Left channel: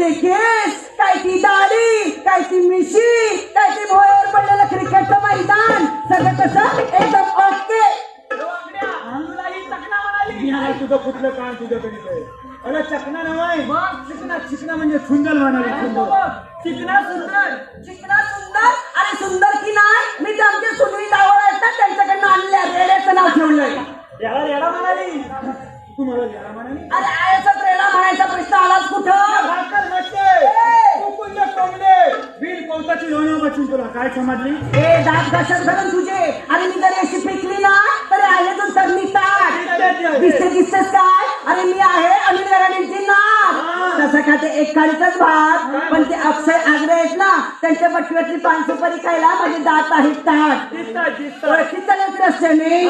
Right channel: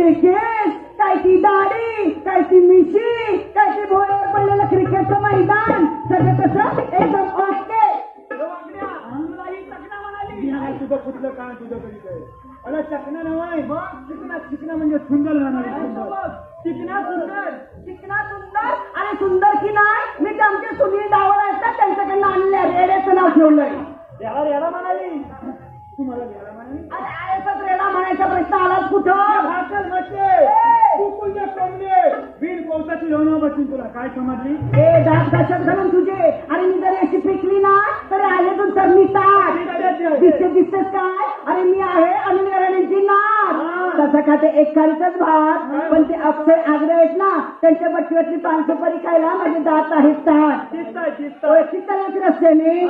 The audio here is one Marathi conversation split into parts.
ते केस काय ती दाढी काय ती मिशी काय ती भोयावर पडलेलं क्रिकेटचं मैदान सगळं कसं एकदम ओके. तुझं कुठलं काम तुझं तरी काय अरे चकना नव्हे चिकना चिकना म्हणजे सुंदर म्हणाली सुंदर. चिकना सुंदर चिकना सुंदर अरे सुंदर की नाही मी ते आमचे सुनील डावळ आहेत ना त्यांच्याकडनं आणले रेड्याचं नाव ठेवलंय. याला रेडा म्हणाली. तू मला जरा म्हणाली? अरे आयचाच रेडा म्हणायचा प्रश्न आलाच कुठं? भाकल म्हटले तू कुंज कमले वीर कौताची लोणं बसून तुला काय समजली? ए दात कशात घालून तुझे. आणि मी जरी अशी पिकली ना तरी आले तू तर मी ताट. दिसते दिसतेस काय? अरे मी आहे अनिल गराणींची नाथ तसं का ते एक काळीचाच भाग पण ते अक्षय आग्रे आहेत ना त्यांच्या बटव्यातली पान सुपारी खायला माझे दात आहेत ताट. दिसतात दिसतात. होते रस्त्याने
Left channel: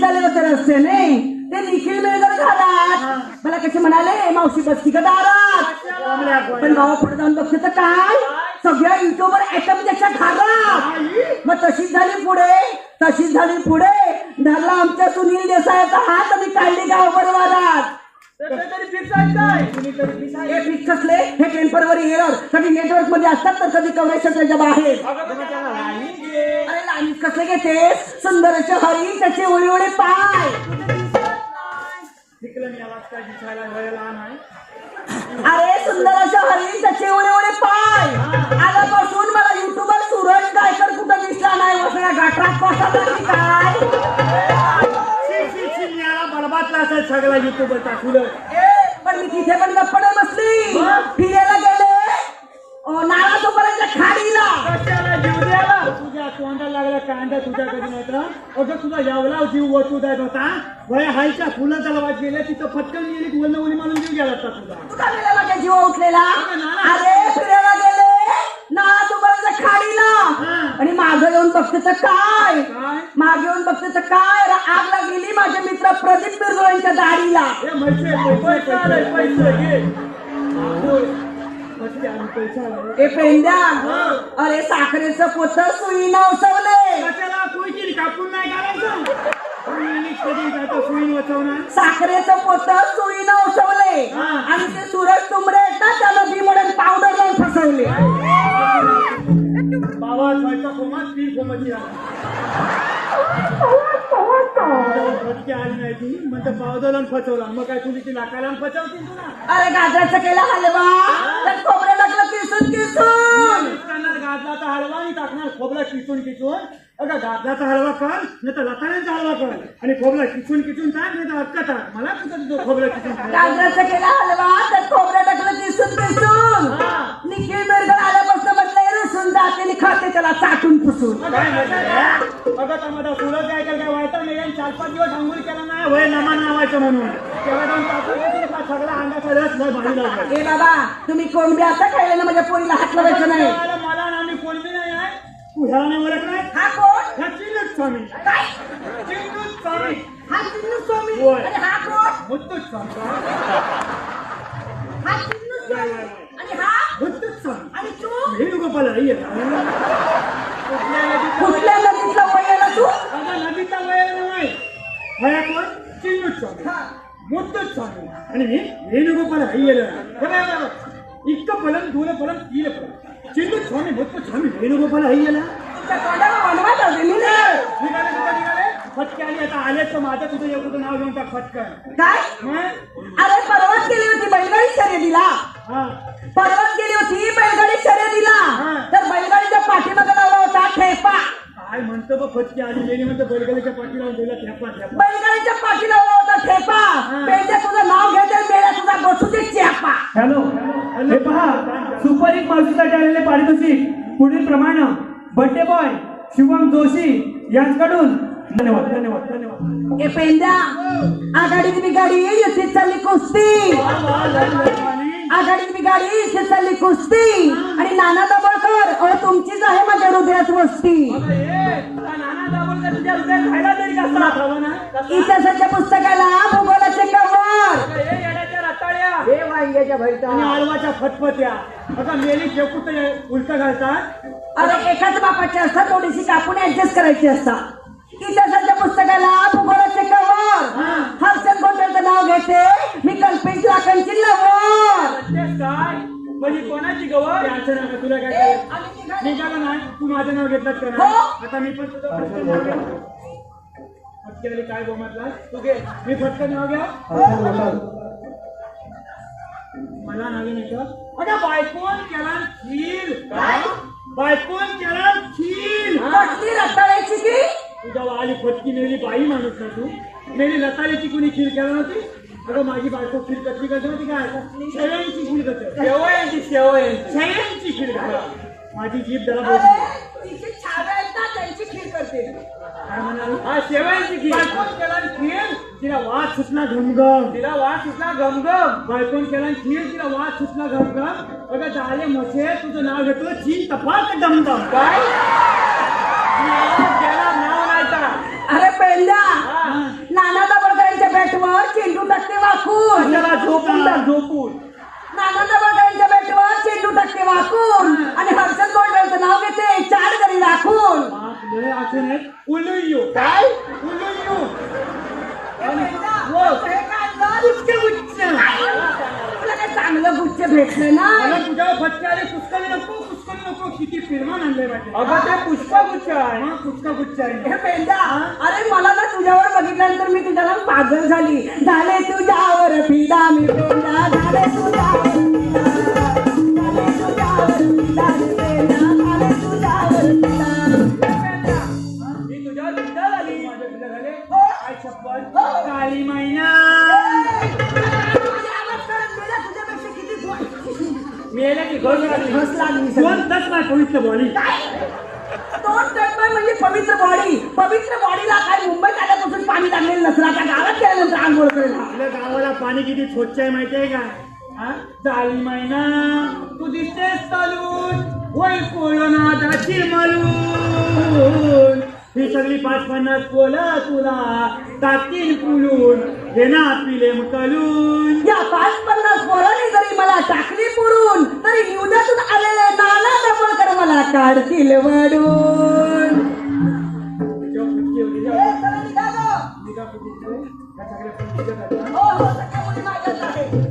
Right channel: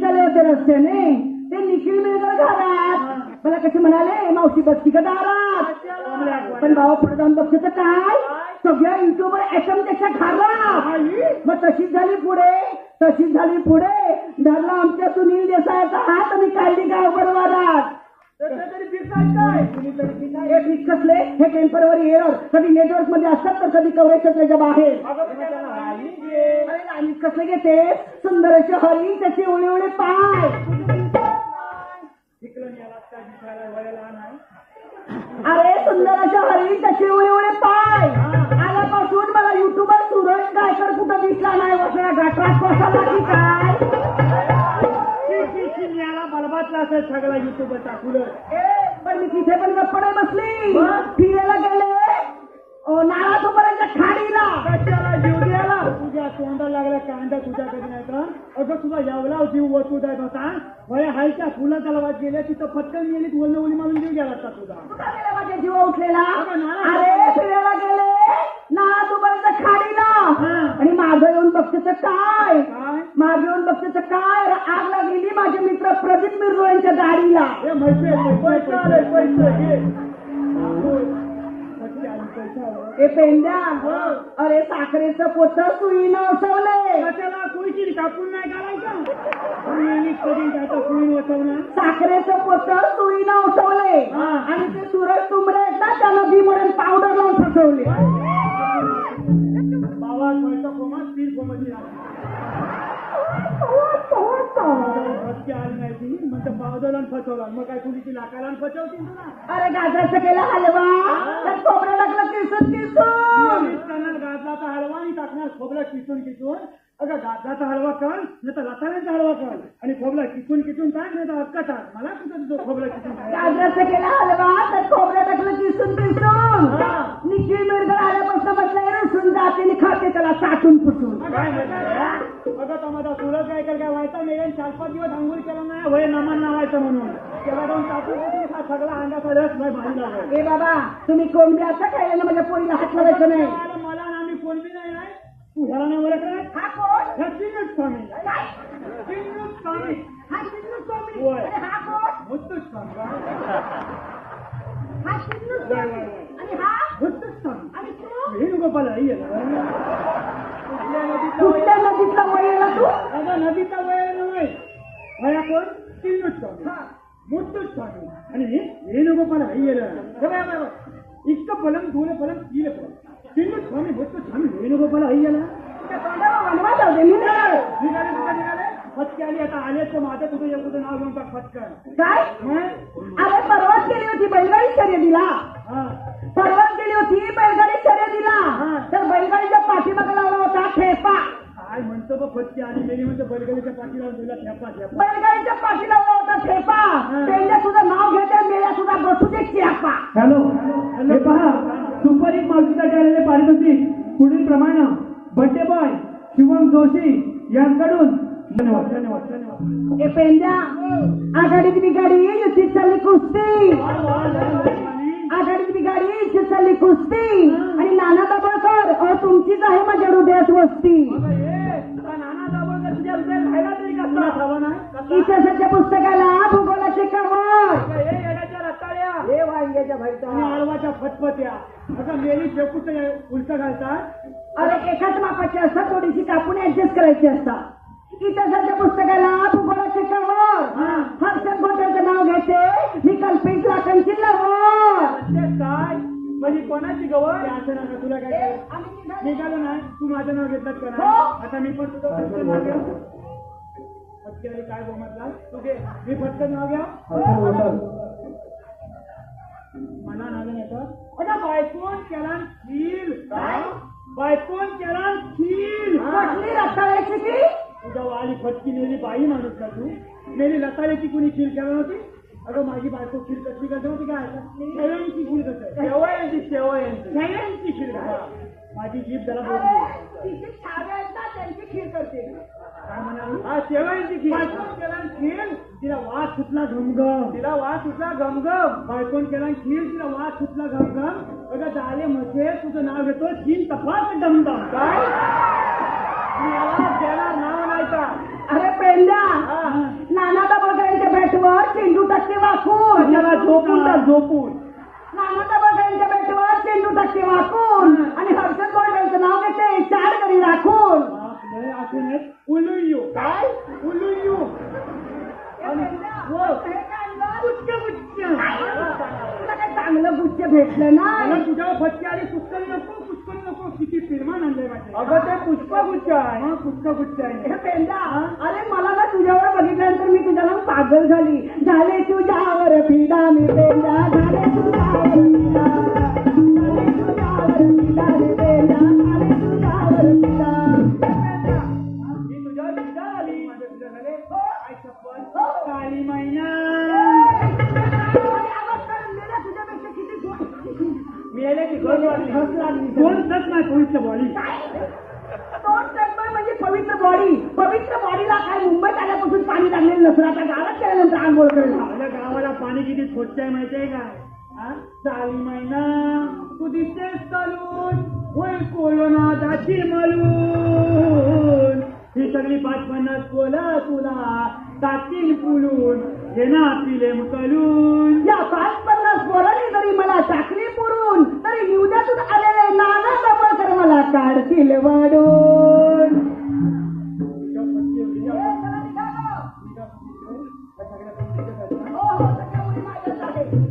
चालले होते रस्त्याने ते निखिल मेळकर घरात. मला कसे म्हणाले मावशी बसती का दारात? पण भावा पुढे जाऊन बघते तर काय? सगळ्या युट्यूबवर ऍटम त्याच्या मग तशीच झाली पुढे तशीच झाली पुढे. धरला आमच्या सुनील देसाईचा हात आणि काढली गाव परिवारात तसं तरी फिक्सायचं काय? हे फिक्स असले हे टेंपररी एअर कधी नेटवर्कमध्ये असतात तर कधी कवरेज क्षेत्राच्या बाहेर. अरे लाईन कसले घेते सुंदर असे हरी त्याचे ओळे ओळे पाय अरे सुंदर असे हरी त्याचे ओळे ओळे पाय. आल्यापासून मला युट्यूबर सूरज गायकर कुठं दिसला नाही असं या गटरात बसवला की काय? बलबातला असेल सगळा युट्यूब टाकलं ए, पण मी तिथे पण गप्पडे बसली. तोंडाला लागला कांदा तुझ्या कधी नाही अगं तुझा यावला जीव वतू जात होता भय हायच्या फुलं तलावात गेले तिथं फटकन गेली वल्ल उली मारून जीव गेला होता तुझा माझ्या जीवा उठलेला? अगं नाळा. अरे फिरायला गेले. नाळा तोपर्यंत खाडीला. हा. आणि मागं येऊन बघते तर काय? काय? मागे येऊन बघते तर काय? अरे आग लागलेली माझे मित्र प्रदीप मिरजुळांच्या दाढीला. हे म्हैसे पैसे पैसे आले, पैसे घे. ए पेंड्या अरे साखरेचं पोत सुई नवसवले कशाला कापून नाही वाचवणार साखरेचं पोत सुई नवसवले हा. आणि ते सूरज तुंबडे आहेत ना त्याला बी म्हणून पावडर लावून फसवले. बाबा कोमात पीर कोमाची म्हणजे फसवला. मग काय तुम्ही ती लाकाला फसवतील तुला? अरे गाजराचं केला हलवा. खोबरं टाकलं किसून किसून निघताना गाजलाचा टाकणार खोबरा किसून किसून अगं गाजलाचा हलवा कर नाही तर लताण्यांचा हलवा कर. आणि खोबरा किसून किसून टाक नाही तर अक्का टाक. मला कुठं तुझं खोबरा किसून टाक गाजराचं केला हलवा त्यात खोबरं टाकलं किसून किसून. निखिल मिरगड आल्यापासून म्हटलं रुसून जाते खाते त्याला चाटून पुसून. काय म्हणतात काय काय व्हायचा नाही. चार पाच दिवस आंघोळ केला नाही वय नमान लावायचं म्हणून. तेव्हा जाऊन टाकून देतील का सगळा अंगाचा रस नाही भारी लागला. ए बाबा तुम्ही कोणबी आता खायला ना माझ्या पोरीला हात लावायचं नाही. ह्याला नाही ओळख काय? हा कोण? ह्या चिन्नूच स्वामी. काय? चिन्नूच स्वामी. हा चिन्नू स्वामी? होय. आणि हा कोण? मुत्तूच स्वामी. हा चिन्नू स्वामी. आणि हा? मुत्तूच स्वामी. आणि तू? वेणुगोपाल अय्यर कुठल्या नदीचा कुठल्या नदीतला वयाला तू? अगं नदीचा वय नाही. ह्या कोण? चिन्नूच स्वामी. मुत्तूच स्वामी. आणि मी वेणुगोपाल अय्यर इतकं फलन दूर फलन तीन फलन चिन्नूच स्वामी मुत्तूच स्वामी वेणुगोपाल अय्यर फटके आली आता माझं तुझं एवढं नाव घेऊन फटकन काय? अरे परवाच गेली होती बैलगाडी शर्यतीला. परवाच गेली होती बैलगाडी शर्यतीला. तर बैलगाडीच्या पाठीमागे लावला होता ठेपा. काय म्हणतो बघ फटके आली गेली म्हणतो बैलगाडीच्या पाठीला दिला थेपा थेपा बैलगाडीच्या पाठी लावला होता ठेपा. पेंड्या तुझं नाव घेते मेळ्या तुझा बसू दे चेपा हॅलो. हे पहा सुपर हिट मावशीसाठी आलेले पारितोषिक. पुढील प्रमाणे. बड्डे बॉय शिवम जोशी यांच्याकडून धन्यवाद धन्यवाद धन्यवाद. ए पेंड्या आघाडीत मी गाडी येते चालली कुस्ती. आघाडीत मी गाडी येते चालली कुस्ती. आणि नाना दाभोळकर अहो तुमचीच आहे माझ्या हृदयात वस्ती. इतिहासाच्या पुस्तकाला भूगोलाचे कवर हिऱ्याच्या भरता आणि आळवाच्या फटफट्या आता मेली शेपूत उलट घालतात. अरे एकाच बापाची असतात थोडीशी कापून ऍडजस्ट करायची असतात. इतिहासाच्या पुस्तकाला भूगोलाचे कवर. हर्षद गोटरचं नाव घेते. मी कल्पेश लाखांची लवर तेच काय? म्हणजे कोणाची गवळ याचं नका तुला काय करायचं? निघाला ना? तू माझं नाव घेतलात का हो. आता मी पण तुझं पटकन काय बोमातला तू घे मी फटकन नाव घ्या. मला नावे नाही का अगं बायकोन केला खीर. काय? बायकोन केला खीर. कसली रताळ्याची की तुझा वाली फटकी नेली बाई माणूस का तू. मेली लतालीची कुणी खीर केला नव्हती? अगं माझी बायको खीर कसली करते माहिती काय शेळ्यांची खीर करते. शेवयांची शेवयांची. शेळ्यांची खीर. माझी जीभ अरे बोलते तिची छावे आहेत ना त्यांची खीर करते. हा शेवयांची खीर. बायकोन केला खीर? तिला वाद सुटला घमघम. तिला वास सुटला गमगम बायकोन केला खीर तिला वाद सुटला घमघम. अगं झाले मोठे तुझं नाव घेतो चीन तपाक दमदम. काय? घेणार नाव नाही का अरे पेंड्या हा. नाना दाबळकरांच्या बॅटवर चेंडू टाकते वाकून. त्याला झोपून टाक झोपून. नाना दाबळकरांच्या बॅटवर चेंडू टाकते वाकून. आणि हर्षद गोल्डरचं नाव घेते चार घरी राखून. नाही उलुयू काय? उलुयू गुच्छ गुच्छ तुला काय चांगलं गुच्छ भेटलं ना मला तुझ्यावर फटके आले. पुष्कळी नको पुष्कळी नको. किती फिरमान आणलंय पाहिजे अगं ते पुष्पगुच्छ आहे. मग पुष्कळ गुच्छ आहे. हे पेंडा अरे मला ना तुझ्यावर बघितल्यानंतर मी तुझ्याला पागल झाली. झाले तुझ्यावर फिदा मी पेंडा. झाले तुझ्यावर दोन नाही पवित्र बॉली तोंड टक्कर म्हणजे पवित्र बॉडी पवित्र बॉडीला काय मुंबईत आल्यापासून पाणी लागलेलं नसलं आता गावात गेल्यानंतर आंघोळ करेल आपल्या गावाला पाणी किती स्वच्छ आहे माहितीये का? हा? जाळी मैना तू दिसतेस चालून होय कोळना दाची मलून. ही सगळी पाच पन्नास पोला तुला टाकील पुलून पिले कलून. या पाच पन्नास पोरांनी जरी मला टाकली पुरून तरी निवड्यातून आलेले नाना मला काढतील वडून तिच्यावर